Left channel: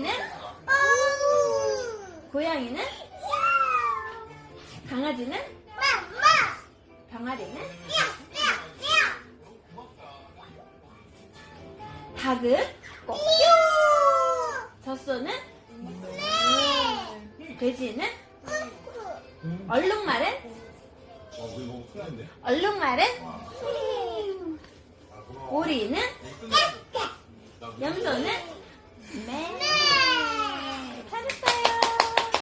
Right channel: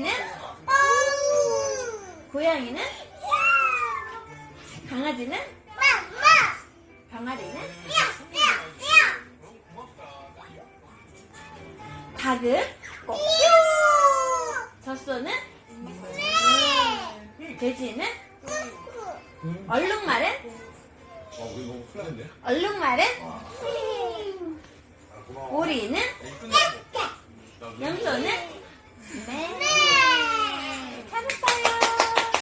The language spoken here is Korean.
고양이는? 고양이는? 강아지는? 병아리는? 닭은? 젖소는? 돼지는? 얼룩말은? 얼룩말은? 오리는? 염소는?